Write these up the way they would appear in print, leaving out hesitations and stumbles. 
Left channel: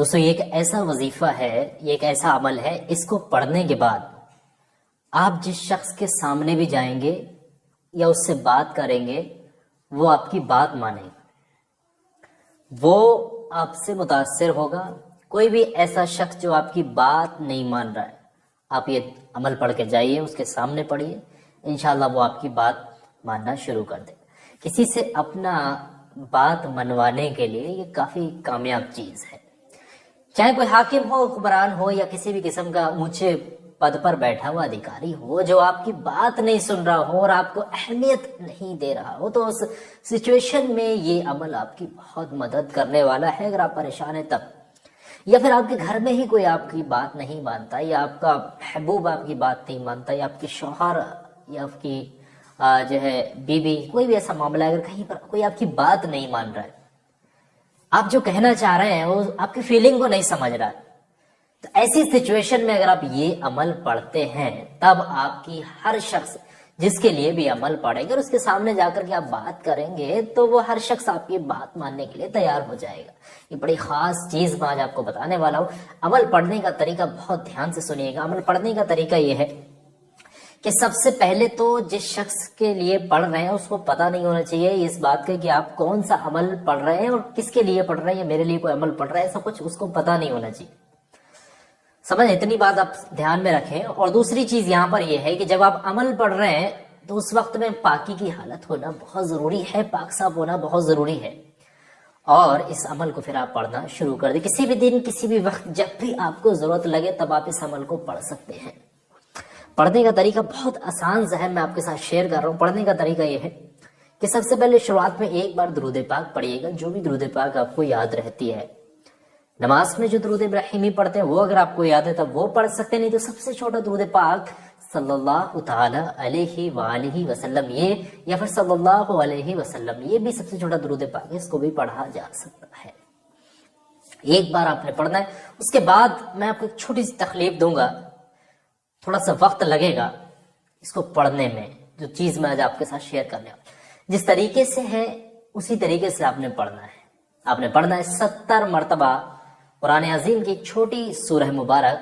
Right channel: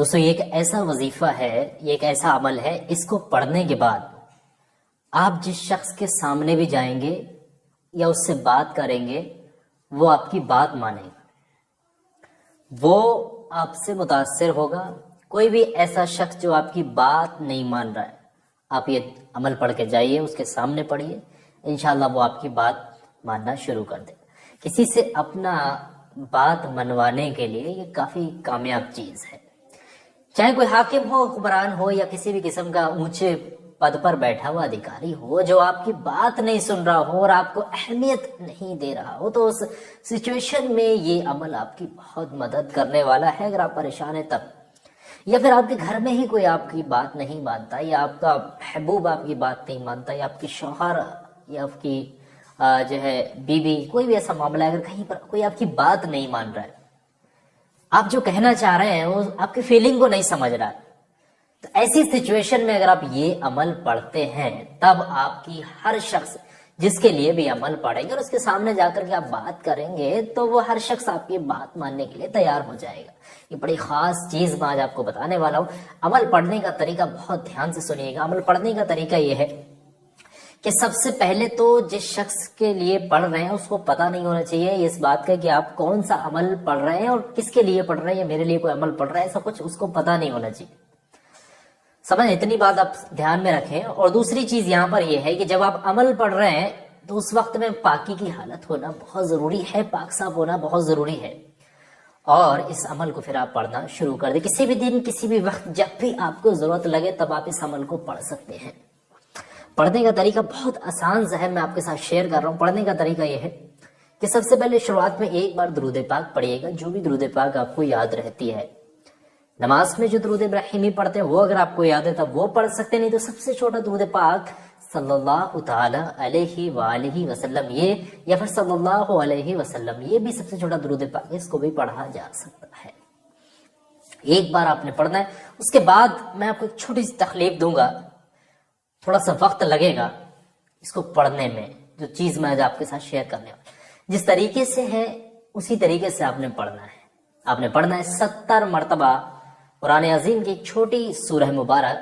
دوستو یہ ایک ایسا وظیفہ ہے، یہ ایک ایسا عمل ہے، اس کو پڑھنے کے بعد آپ جس شخص کے سامنے بھی جائیں گے یا اس سے بات کریں گے وہ آپ کی بات مانے گا، وہ آپ سے متاثر ہوگا۔ کوئی بھی ایسا شخص جو آپ کی بات نہیں مان رہا ہے، آپ یہ عمل پڑھ کے جائیے، اس کے سامنے پڑھیے، انشاءاللہ وہ آپ کی بات ماننا شروع کر دے۔ کسی سے اپنا بات منوانے کے لیے یہ کافی کامیاب چیز ہے، چاہے کوئی حاکم ہو، حکمران ہو، یا کسی بھی قسم کا اونچے پد پر بیٹھا ہوا ادھیکاری ہو جو آپ کی بات نہیں سن رہا ہو اور آپ کو اہمیت نہیں دے رہا ہو، تو اس سچویشن میں یہ عمل آپ کی بہت مدد کرنے والا ہے۔ اگر آپ پریشان ہیں تب، یا پھر آپ کے گھر میں ہی کوئی آپ کی بات نہیں مانتا، یا آپ کا محبوب آپ کی بات نہیں مانتا، یا آپ کی شوہر یا آپ کی جو ہے بیوی، کوئی بھی ایسا معاملہ ہے، اگر کہیں پر کوئی آپ کی بات نہیں مان رہا ہے، آپ جو کہنا چاہ رہے ہیں وہ آپ کی فیلنگ کو نہیں سمجھ رہا ہے، تو ایسی سچویشن میں اگر آپ یہ عمل پڑھتے ہیں تب آپ کی ہر شخص جس کے لیے بھی عمل پڑھیں گے اور اس کے سامنے جا کر کے آپ بات کریں گے تو وہ ہر شخص آپ کی بات ماننے کے لیے تیار ہو جائے گا۔ یہ بڑی خاص چیز میں آج آپ کو بتانے والا ہوں۔ عمل پڑھنے کا طریقہ بہت دھیان سے سنیے گا۔ عمل پڑھنے کا طریقہ یہ ہے کہ سب سے پہلے تو جس شخص کے لیے پڑھ رہے ہیں اس کو پتہ نہیں ہونا چاہیے اس بات کا کہ آپ کون سا عمل پڑھ رہے ہیں اور کس کے لیے پڑھ رہے ہیں، یا میرے لیے کوئی عمل پڑھ رہا ہے، ایسا کچھ اس کو پتہ نہیں ہونا چاہیے۔ سمجھ، اتنی بات آپ دھیان میں رکھیں۔ اور دوسری چیز یہاں پر یہ ہے کہ جب آپ عمل پڑھ رہے ہیں تو اس وقت میں پاکی کی حالت ہونا بہت ضروری ہے، پاک صاف ہونا بہت ضروری ہے، اور اس عمل کو پھر آپ پڑھنا شروع کر دیں۔ کسی بھی دن، کسی بھی وقت، جب بھی آپ کو ضرورت لگے تب آپ اس عمل کو پڑھ سکتے ہیں۔ پڑھنے کا طریقہ بہت آسان سا ہے، میں آپ کے ساتھ شیئر کر رہا ہوں۔ پڑھنے کا طریقہ یہ ہے کہ سب سے پہلے شروعات میں ایک بار درود پاک پڑھیے گا، جو بھی درود پاک آپ کو یاد رہتی ہے۔ نماز میں جو درود ابراہیمی پڑھتے ہیں وہ اگر آپ کو یاد ہے تب وہ پڑھ سکتے ہیں، نہیں تو سب سے چھوٹا درود پاک صلی اللہ تعالی علیہ وآلہ وسلم یہ، یا پھر صلی اللہ علیہ وسلم یہ بھی سب سے چھوٹا درود پاک ہے، اس کو بھی پڑھا جا سکتا ہے۔ ایک بار آپ نے پڑھنا ہے، اس کے بعد میں آپ کو ایک چھوٹی سی تخلیف دوں گا، تھوڑا سا وقت لگے گا اس کو پڑھنے میں، جو چیز میں آج آپ کے ساتھ شیئر کرنے والا ہوں۔ جس طریقے سے ہے اسی طریقے سے آپ نے پڑھنا ہے۔ آپ نے پڑھنا ہے 70 مرتبہ قرآن عظیم کی چھوٹی سورہ مبارک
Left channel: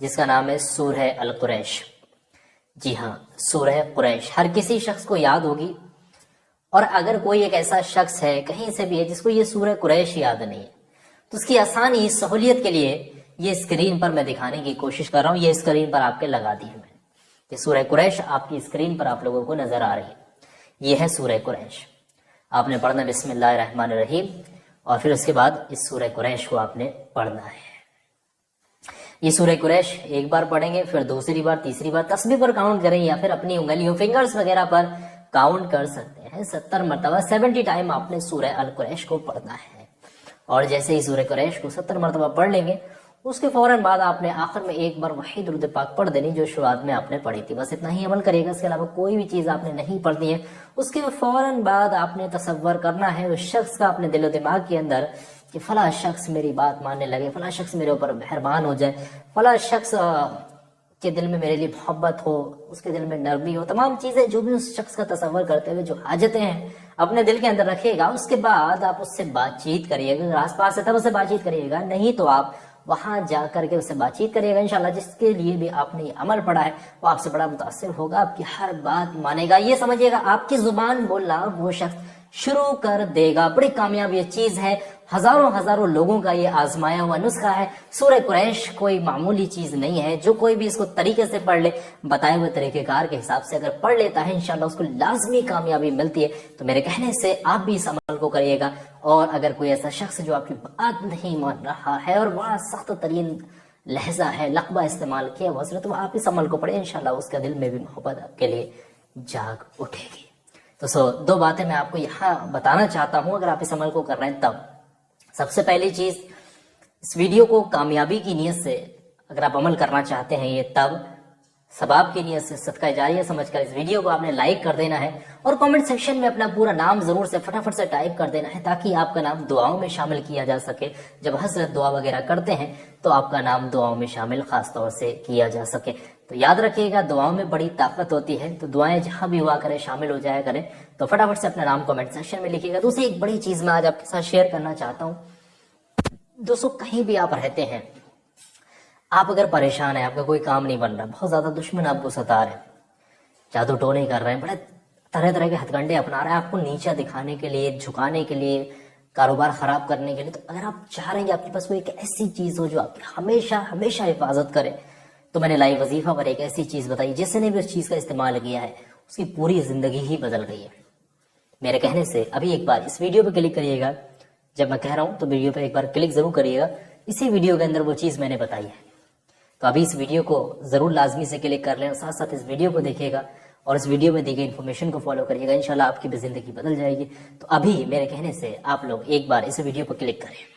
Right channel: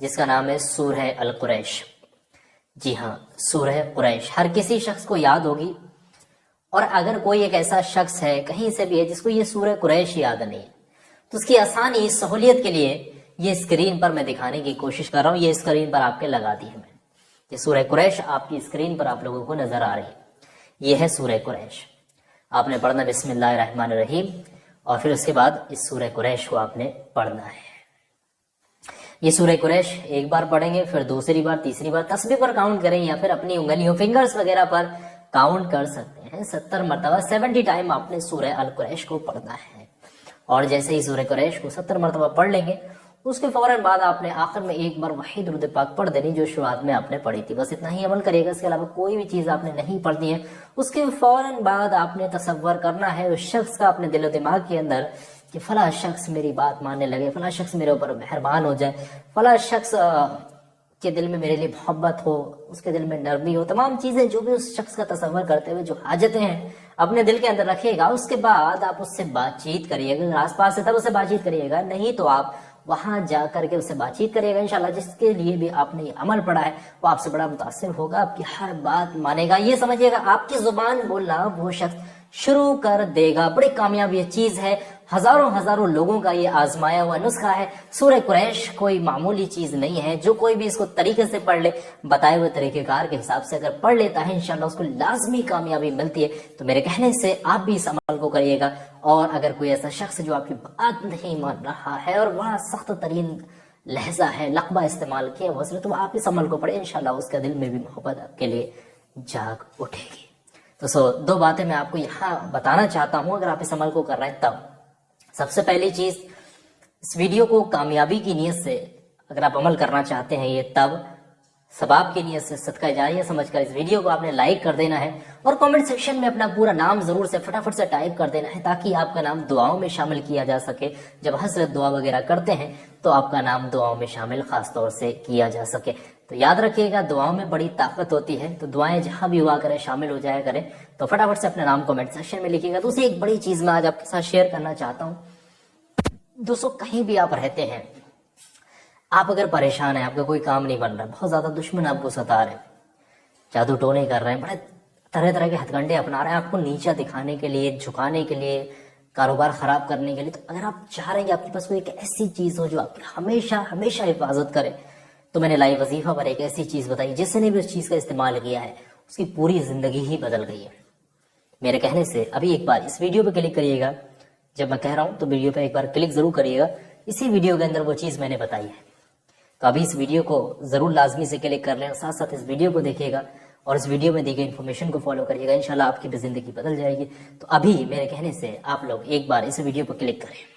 جس کا نام ہے سورہ القریش۔ جی ہاں، سورہ قریش ہر کسی شخص کو یاد ہوگی، اور اگر کوئی ایک ایسا شخص ہے کہیں سے بھی ہے جس کو یہ سورہ قریش یاد نہیں ہے تو اس کی آسانی، سہولیت کے لیے یہ اسکرین پر میں دکھانے کی کوشش کر رہا ہوں۔ یہ اسکرین پر آپ کے لگا دی ہے میں، یہ سورہ قریش آپ کی اسکرین پر آپ لوگوں کو نظر آ رہی ہے۔ یہ ہے سورہ قریش۔ آپ نے پڑھنا بسم اللہ الرحمن الرحیم، اور پھر اس کے بعد اس سورہ قریش کو آپ نے پڑھنا ہے۔ یہ سورہ قریش ایک بار پڑھیں گے، پھر دوسری بار، تیسری بار، تسبیح پر کاؤنٹ کریں یا پھر اپنی انگلیوں، فنگرز وغیرہ پر کاؤنٹ کر سکتے ہیں۔ 70 مرتبہ 70 ٹائم آپ نے سورہ القریش کو پڑھنا ہے، اور جیسے ہی سورہ قریش کو 70 مرتبہ پڑھ لیں گے اس کے فوراً بعد آپ نے آخر میں ایک بار وہی درود پاک پڑھ دینی جو شروعات میں آپ نے پڑھی تھی۔ بس اتنا ہی عمل کریے گا، اس کے علاوہ کوئی بھی چیز آپ نے نہیں پڑھنی ہے۔ اس کے فوراً بعد آپ نے تصور کرنا ہے اس شخص کا اپنے دل و دماغ کے اندر کہ فلاں شخص میری بات ماننے لگے، فلاں شخص میرے اوپر مہربان ہو جائے، فلاں شخص کے دل میں میرے لیے محبت ہو، اس کے دل میں نرمی ہو۔ تمام چیزیں جو بھی اس شخص کا تصور کرتے ہوئے جو حاجتیں ہیں اپنے دل کے اندر رکھیے گا۔ اس کے بعد آپ اس سے بات چیت کریے گا، اگر آس پاس ہے تب اس سے بات چیت کریے گا، نہیں تو آپ وہاں جا کر کے اس سے بات چیت کریے گا۔ انشاءاللہ جس کے لیے بھی آپ نے یہ عمل پڑھا ہے وہ آپ سے بڑا متاثر ہوگا، آپ کی ہر بات مانے گا۔ یہ سمجھیے گا آپ کی زبان بولنا وہ شخص شروع کر دے گا۔ بڑی کامیاب یہ چیز ہے، ہزاروں لوگوں کا یہ آزمایا ہوا نسخہ ہے۔ سورہ قریش کوئی معمولی چیز نہیں ہے، جو کوئی بھی اس کو طریقے سے پڑھ لے، بتائے ہوئے طریقہ کار کے حساب سے اگر پڑھ لیتا ہے انشاءاللہ اس کو لازمی کامیابی ملتی ہے۔ تو میرے کہنے سے آپ بھی اس عمل کو کریے گا، اور اگر کوئی ایسا شخص جو آپ کی بات نہیں مان رہا ہے اور بڑا سخت ترین لہجہ ہے، لقبہ استعمال کیا ہوا ہے، تو آپ اس عمل کو پڑھیں، انشاءاللہ اس کے دل میں بھی محبت آپ کے لیے جاگ اٹھے گی۔ تو دو باتیں میں آپ کو یہاں بتانا چاہتا ہوں اگر آپ اس عمل کو کر رہے ہیں تب۔ سب سے پہلی چیز، اس ویڈیو کو کامیابی کی نیت سے اگر آپ عمل کرنا چاہتے ہیں یہ تب، ثواب کی نیت سے صدقہ جاریہ سمجھ کر اس ویڈیو کو آپ نے لائک کر دینا ہے، اور کامنٹ سیکشن میں اپنا پورا نام ضرور سے فٹافٹ سے ٹائپ کر دینا ہے تاکہ آپ کا نام دعاؤں میں شامل کیا جا سکے۔ جب حضرت دعا وغیرہ کرتے ہیں تو آپ کا نام دعاؤں میں شامل خاص طور سے کیا جا سکے۔ تو یاد رکھیے گا دعاؤں میں بڑی طاقت ہوتی ہے، تو دعائیں جہاں بھی ہوا کریں شامل ہو جایا کریں۔ تو فٹافٹ سے اپنا نام کامنٹ سیکشن میں لکھیے گا۔ دوسری ایک بڑی چیز میں آج آپ کے ساتھ شیئر کرنا چاہتا ہوں، دوستوں کہیں بھی آپ رہتے ہیں، آپ اگر پریشان ہیں، آپ کا کوئی کام نہیں بن رہا، بہت زیادہ دشمن آپ کو ستا رہے ہیں، جادو ٹونے کر رہے ہیں، بڑے طرح طرح کے ہتھ کنڈے اپنا رہے ہیں آپ کو نیچا دکھانے کے لیے، جھکانے کے لیے، کاروبار خراب کرنے کے لیے، تو اگر آپ چاہ رہے ہیں کہ آپ کے پاس کوئی ایک ایسی چیز ہو جو آپ کی ہمیشہ ہمیشہ حفاظت کرے، تو میں نے لائیو وظیفہ پر ایک ایسی چیز بتائی جس نے بھی اس چیز کا استعمال کیا ہے اس کی پوری زندگی ہی بدل گئی ہے میرے کہنے سے۔ ابھی ایک بار اس ویڈیو پہ کلک کریے گا، جب میں کہہ رہا ہوں تو ویڈیو پہ ایک بار کلک ضرور کریے گا، اسی ویڈیو کے اندر وہ چیز میں نے بتائی ہے۔ تو ابھی اس ویڈیو کو ضرور لازمی سے کلک کر لیں اور ساتھ ساتھ اس ویڈیو کو دیکھیے گا اور اس ویڈیو میں دی گئی انفارمیشن کو فالو کریے گا، انشاءاللہ آپ کی بھی زندگی بدل جائے گی۔ تو ابھی میرے کہنے سے آپ لوگ ایک بار اس ویڈیو کو کلک کریں۔